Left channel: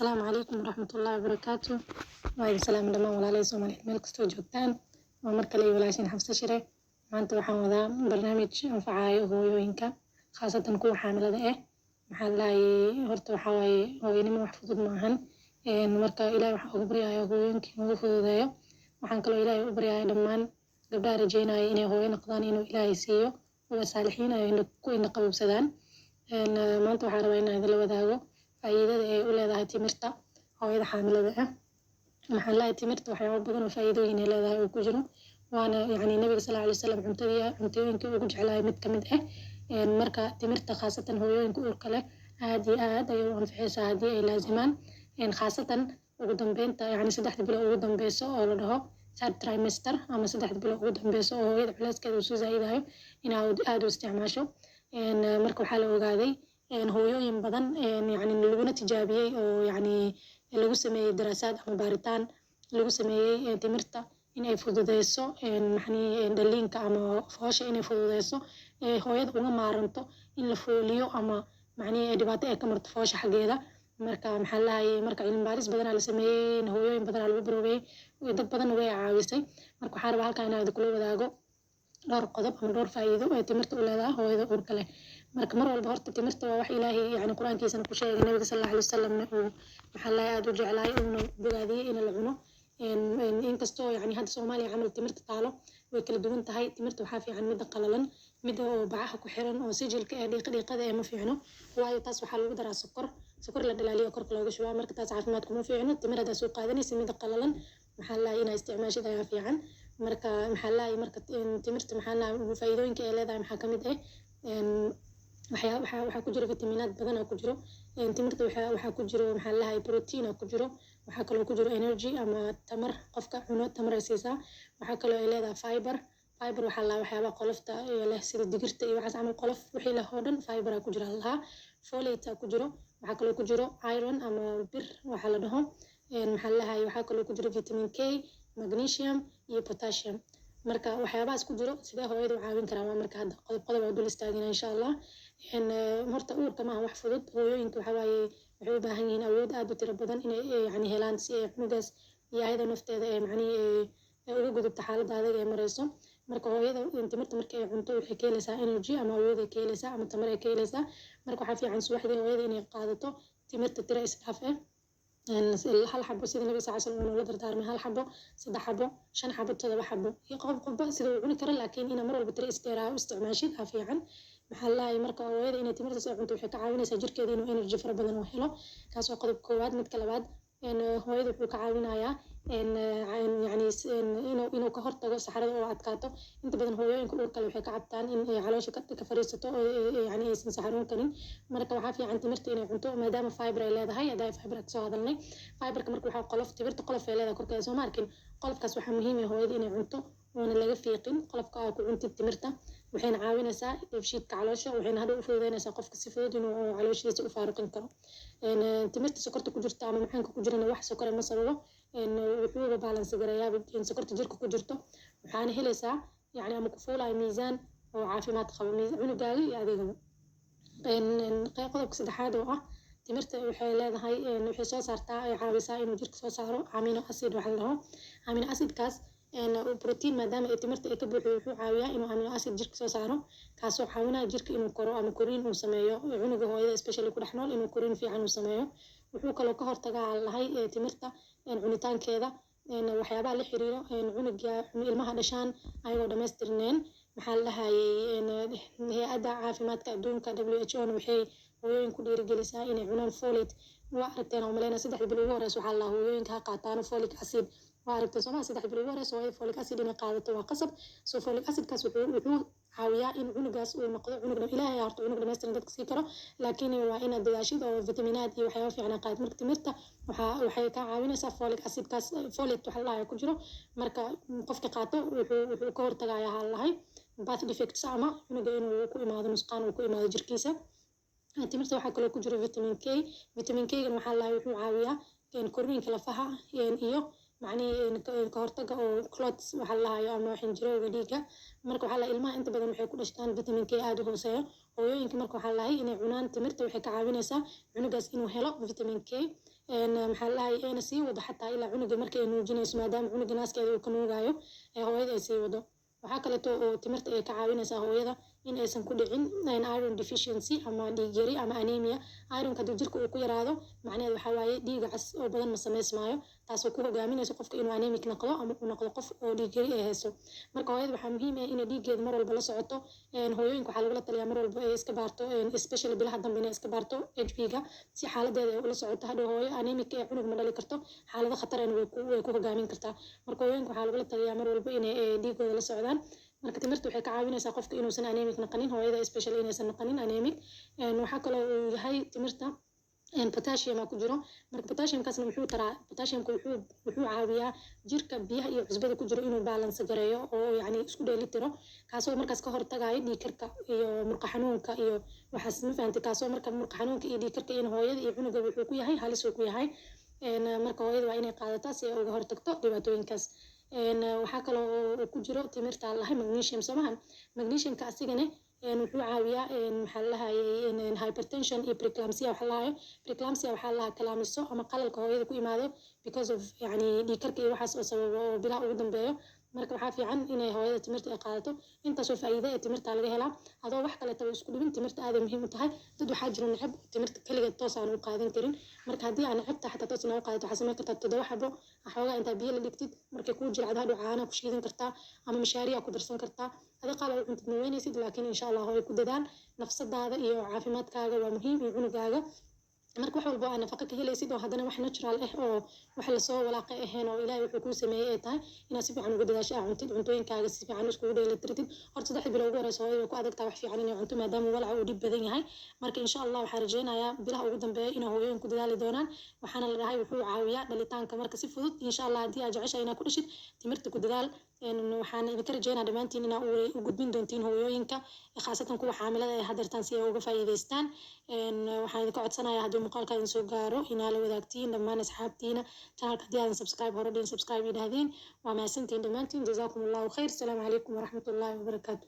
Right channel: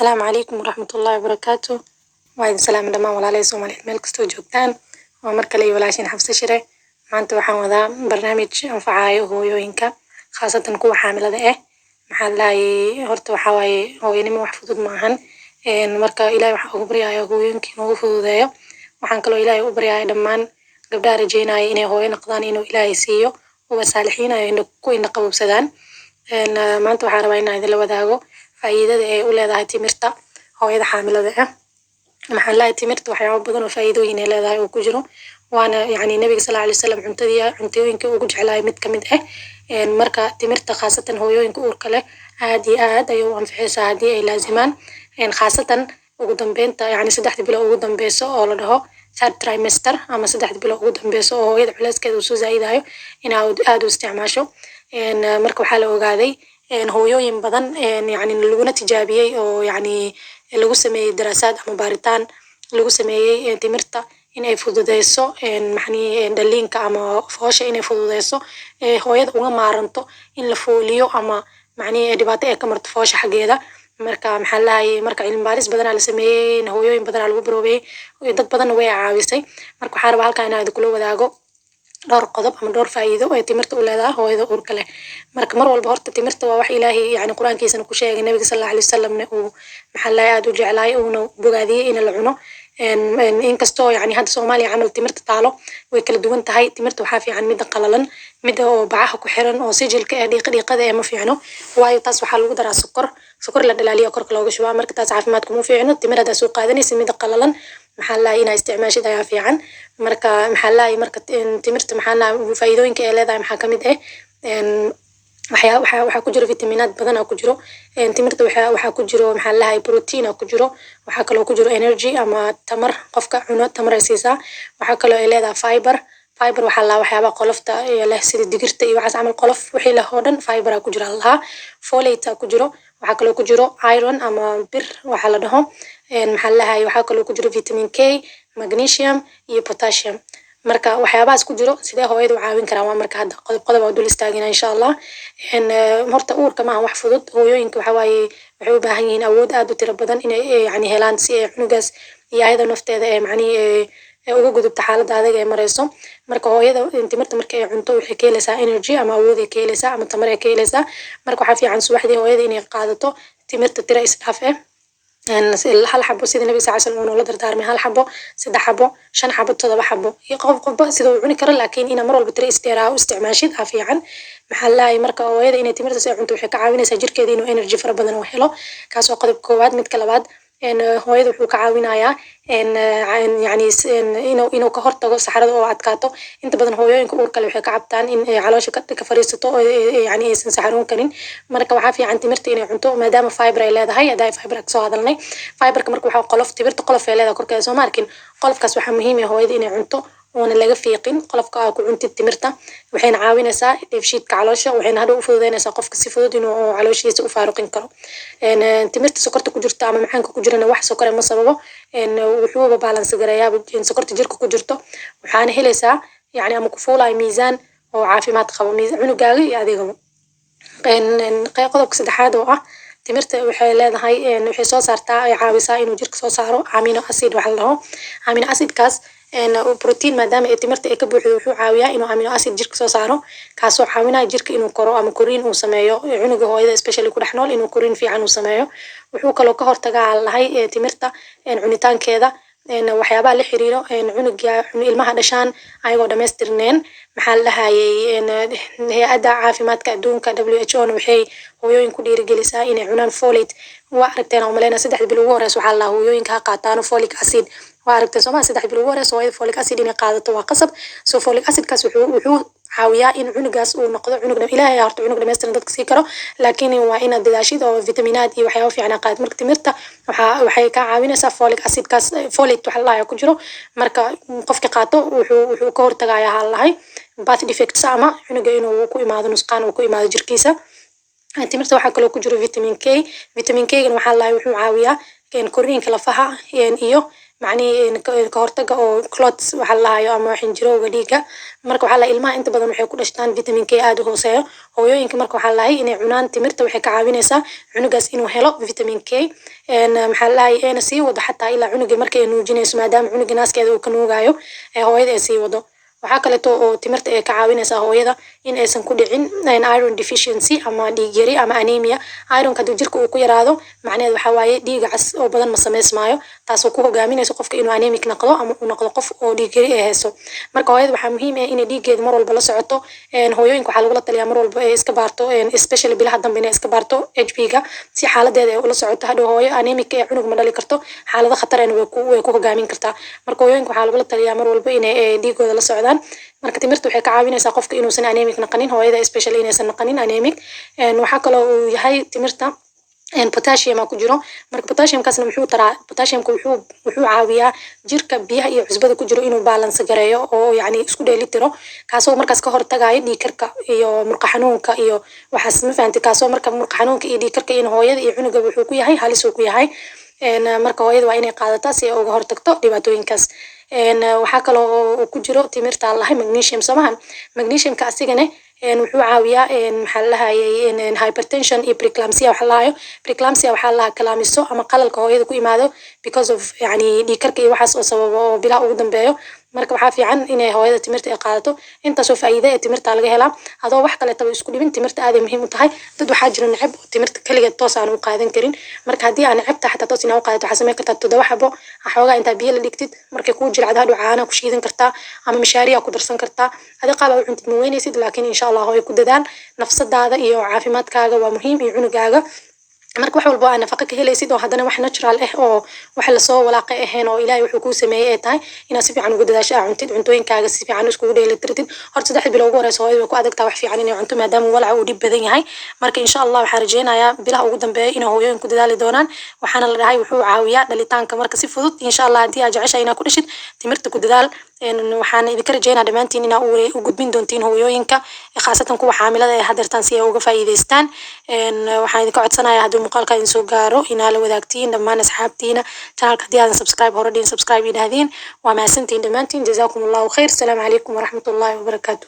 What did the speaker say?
السلام عليكم ورحمة الله وبركاته. وعليكم السلام دمان walaalay Soomaaliyeed meel kastoo joogtaan. waa mar kale walaashin Xafsa Shire. maanta waxaan wadaa barnaamij anfacayo hooyooyinka khaasatan kuwa xaamilada ah. maxaa lahaye horta waxaa waaye hooyanimo wax fudud maahan. marka ilaahay waxaan ugu baryayaa hooyooyinka inuu u fududeeyo. waxaan kaloo ilaahay u baryayaa dhammaan gabdhaha rajeynaya inay hooyo noqdaan inuu ilaahay siiyo uwa saalixiin ay ku ina qabowsadaan. maanta waxaan rabaa inaan idinla wadaago faa'iidada ay u leedahay timirta hooyada xaamilada ah. maxaa lahaye timirta waxyaabo badan oo faa'iidooyin ay leedahay oo ku jiro waana yacni nabiga sallallahu alayhi wasallam cuntooyinka ugu jeclaay mid kamid ah. marka timirta khaasatan hooyooyinka uurka leh aad iyo aad ayay u anficaysaa haddii ay laazimaan. khaasatan ugu dambeynta yacni saddexda bilo ugu dambeyso oo la dhaho third trimester ama saddexda bilo ugu dambeyso oo hooyada culeyskeeda uu soo zaa'idayo inaad aad u isticmaasho. marka waxaa la ogaaday hooyooyin badan yacni laguna tijaabiyey oo yacni lagu sameeyey daraasaad ama baaritaan lagu sameeyey timirta in ay fududeyso maxani dhaliinka ama foosha inay fududeyso hooyada uga maaranto in la fooliyo ama macni dhibaato ay ka marto foosha xaggeeda. marka maxaa lahaye marka cilmi baaris badanaa la sameeyey hooyooyin badanaa lagu baroobeyey dad badanna way caawisay. marka waxaa rabaa halkaa inaan idinkula wadaago dhowr qodob ama dhowr faa'iido ay timirta u leedahay hooyada uurka leh. marka mar walba horta timirta waa wax ilaahay yacni quraankiisana ku sheegay nabiga sallallahu alayhi wasallamna uu maxaa lahaye aad u jeclaay uuna bogaadiyey in la cuno. inkastoo yacni hadda Soomaaliya camal timirta taalo way kala duwan tahay. timirta waxaa fiican midda qalalan midda oo bacaha ku xiran oo sijilka ee dhiiqada ee ma fiicno waayo taas waxaa lagu daraa sokor la dhalaaliyo korka looga shubaa marka taas caafimaadku ma fiicno. timir haddaa soo qaadanaysa midda qalalan maxaa lahaye inaa isticmaashid ayaa fiican. marka maxaa lahaye marka timirta maxaa lahaye faa'iidooyinka ay leedahay maxaa kamid ah waxaa ku jiro fitamiinaad badan oo ku jiro. timirta waxaa ku jiro maxaa lahaye protein oo ku jiro. waxaa kaloo ku jiro energy ama tamar qofka cuno tamar ay siisaa. waxaa kaloo ay leedahay fiber waxaa lahaa waxyaabaha qolofta leh sida digirta iyo waxaas camal qolof wixii leh oo dhan fiber aa ku jira lahaa. folate aa ku jiro. waxaa kaloo ku jiro iron ama bir waxaa la dhaho. maxaa lahaye waxaa kaloo ku jiro vitamin K, magnesium iyo potassium. marka waxyaabahaas ku jiro sidee hooyada u caawin karaan waa marka hadda qodob oo dul istaagina insha Allah. horta uurka maaha wax fudud hooyooyinka waxaa waaye waxay u baahan yihiin awood aad u tiro badan inay yacni helaan si ay cunugaas iyo ayada nafteeda ee macni uga gudubta xaaladda adag ee marayso. marka hooyada timirta marka ay cunto waxay ka helaysaa energy ama awood ay ka helaysaa ama tamar ay ka helaysaa. marka waxaa fiican subaxdii hooyada inay qaadato timirta tira isdhaaf ah hal xabo sida nabiga sallallahu alayhi wasallam uu la dardaarmay hal xabo, saddex xabo, shan xabo, todoba xabo iyo qofba sida uu cuni karo laakiin ina mar walba tira isdheeraa u isticmaashid aa fiican. maxaa lahaye marka hooyada inay timirta soo cunto waxay ka caawinaysaa jirkeeda inuu energy fara badan u helo. kaas waa qodob koowaad. midka labaad hooyada wuxuu ka caawinayaa yacni inuu ka hortago saxarada oo adkaato. inta badan hooyooyinka uurka leh waxay ka cabtaan in caloosha ka fariisato oo yacni aysan saxaroon karin. marka waxaa fiican timirta inay cunto maadaama fiber ay leedahay hadda fiber ka soo hadalnay. fiberka marka waxaa qolof timirta qolof ay leedahay korkeeda soo ma arkin qolofkaas waxaa muhiim ah hooyada inay cunto oona laga fiiqin qolofka aa ku cuntid timirta waxayna caawinaysaa dheefshiidka caloosha waxayna hadhow u fududeynaysaa qofka si fudud inuu calooshiisa u faaruqin karo. timirta sokorta ku jirta ama macaanka ku jirana wax sokor ma sababo wuxuuba balance gareeyaa sokorta jirka ku jirto waxaana helaysaa yacni ama ku fuulayo miisaan oo caafimaad qabo cunugaaga iyo adigaba. qodobka saddexaad oo ah timirta waxay leedahay waxay soo saartaa ay caawisaa inuu jirka soo saaro amino acid waxa la dhaho. amino acidkaas protein maadaama ay timirta ay ka buuxdo wuxuu caawiyaa inuu amino acid jirka soo saaro kaasoo caawinaya jirka inuu koro ama koriin uu sameeyo cunuga hooyada especially ku dhex nool inuu koriin fiican uu sameeyo. wuxuu kaloo ka hortagaa lahay timirta cunitaankeeda waxyaabaha la xiriiro cunuga ilmaha dhashaan ayagoo dhamaystirneen. maxaa la dhahayey hay-adda caafimaadka adduunka WHO na waxay hooyooyin ku dhiirigelisaa inay cunaan folate. waa aragteen oo maleyna saddex bil ugu horeysa waxaa la hooyooyinka ha qaataano folic acid. waa aragteen Soomaaliya saddex bil ugu horeysa hooyada folic acid inay qaadato waa qasab. folic acidkaas wuxuu caawiyaa in cunugaas uu noqdo cunug ilaahay horta cunug dhameystiran dadka sii karo laakiin waa inaad dadaashid oo fitamiinaad iyo waxyaabo fiican qaad. marka timirta waxay ka caawinaysaa folic acidkaas folate waxa la ku jiro marka qofka qaato wuxuu ka hortagayaa hal lahay birth defects ama cunuga inuu ku imaado nusqaan uu ku imaado jirkiisa. timirta waxaa kaloo ku jiro vitamin K. vitamin K gan waxaa lahay wuxuu caawiyaa koriinka lafaha iyo macnihii ka hortaga oo clots waxa la lahayo ama xinjirowga dhiigga. Marka waxaa la ilmaha inta badan waxay ku dhashtaan vitamin K aad u hooseeyo. Hooyooyinka marka waxaa lahay inay cunaan timirta waxay ka caawinaysaa cunugaas inuu helo vitamin K. maxaa la lahay eena sii wado xataa ilaa cunuga markay nuujinayso maadaama cunuga naaskeeda uu ka nuugayo hooyada ay sii wado. waxaa kaleeto oo timirta ay ka caawinaysaa hooyada in aysan ku dhicin iron deficiency ama dhiig yari ama anemia. Ironka hadduu jirka uu ku yaraado macnaheedu waxaa waaye dhiiga cas oo badan ma samaysmaayo, taasoo ku hogaaminayso qofka inuu anemic noqdo ama uu noqdo qof oo dhiig yari ay hayso. marka hooyada waxaa muhiim ah inay dhiiggeeda mar walba la socoto. hooyooyinka waxaa lagula taliyaa mar walba ay iska baarto especially bilaha dambe inay iska baarto HB-ga si xaaladeeda ay ula socoto. hadhow hooyo anemic ee cunug ma dhali karto, xaalado khatarena way ku hogaamin kartaa. marka hooyooyinka waxaa lagula taliyaa mar walba inay dhiigooda la socdaan. marka timirta waxay ka caawinaysaa qofka inuusan anemic noqonin, hooyada especially inaysan noqonin anemic. waxaa kaloo uu yahay timirta potassium ku jiro. marka potassiumkaasna muxuu taraa? potassiumka wuxuu caawiyaa jirka biyaha iyo cusbada ku jiro inuu balance gareeyo oo yacni isku dheeli tiro, kaasoo markaas ka hortagayo dhiig karka iyo murqa xanuunka iyo waxaas ma fahanti. kaasoo marka murqa xanuunka iyo dhiig karka in hooyada iyo cunuga wuxuu ku yahay halis uu ku yahay. marka hooyada waa inay qaadataa si ay uga hortagto dhibaatooyinkaas. waxaa kaloo uu ku jiro timirta lahay magnesium samahan. magnesiumka asigane wuxuu caawiyaa maxaa la lahayay hypertension iyo preeclampsia waxa la lahayo. preeclampsia waxaa la kalaamiso ama qalalka hooyada ku imaado because of yani dhiig karka iyo waxaas oo sababa oo bilaha ugu dambeeyo. marka waxaa fiican inay hooyada timirta ay qaadato, intaasoo faa'iida ee timirta laga helaa adoo wax kaleetaba isku dhibin. timirta aad ay muhiim u tahay. dad waxaa jira neceb timirta kaligeed toos aan u qaadan karin. marka haddii aan necebta xataa toos inaa u qaadato waxaa samayn kartaa 7 xabo xoogaa intaa biyo la dhigtid markay kuu jilcado hadhow caana ku shiidan kartaa ama mishaariya ku darsan kartaa. adi qaab aa u cuntid ma weynaysid, laakiin insha allah hooyo ku dadaal. nafsadaada iyo caafimaadkaaga waa muhiim iyo cunugaaga. marka wax walba aan nafaqo ka helaysid oo haddana wax natural ah oo wax lasoo walaaqay ahayn oo ilaahay wuxuu kuu sameeyey ay tahay inaad si fiican ugu dadaasho aa cuntid cuntooyinkaaga si fiican iskugu dheelitirtid. horta 3 bilo ugu horeysa hooyada way ku adagtaa wax fiican inay cunto maadaama walaca uu dhib badan yahay. marka insha allah waxaan rajeynayaa bilaha ugu dambeeya inay hooyooyinku dadaali doonaan. waxaana la dhahay wuxuu caawiyaa dhalitaanka marka si fudud. insha allah haddii aad jeceshahay inaad ku dhashid timirta ku dadaal. waxaan idinka rajeynaa dhammaantiin inaa u gudbin doontiin hooyooyinka khaasatan kuwa xaamilada ee hadeertaan si ay uga faa'iidaystaan. waxaan idinka codsanayaa hadduu muuqaalka idin soo gaaro inaa la wadaagtiin dhammaan asxaabtiina. channelka haddii aadan subscribe hore dhihin subscribe idhahdiin. waa mahadsantiin dhammaantiin. jazaakum allahu khayr. asalaamu calaykum waraxmatullaahi wabarakaatu.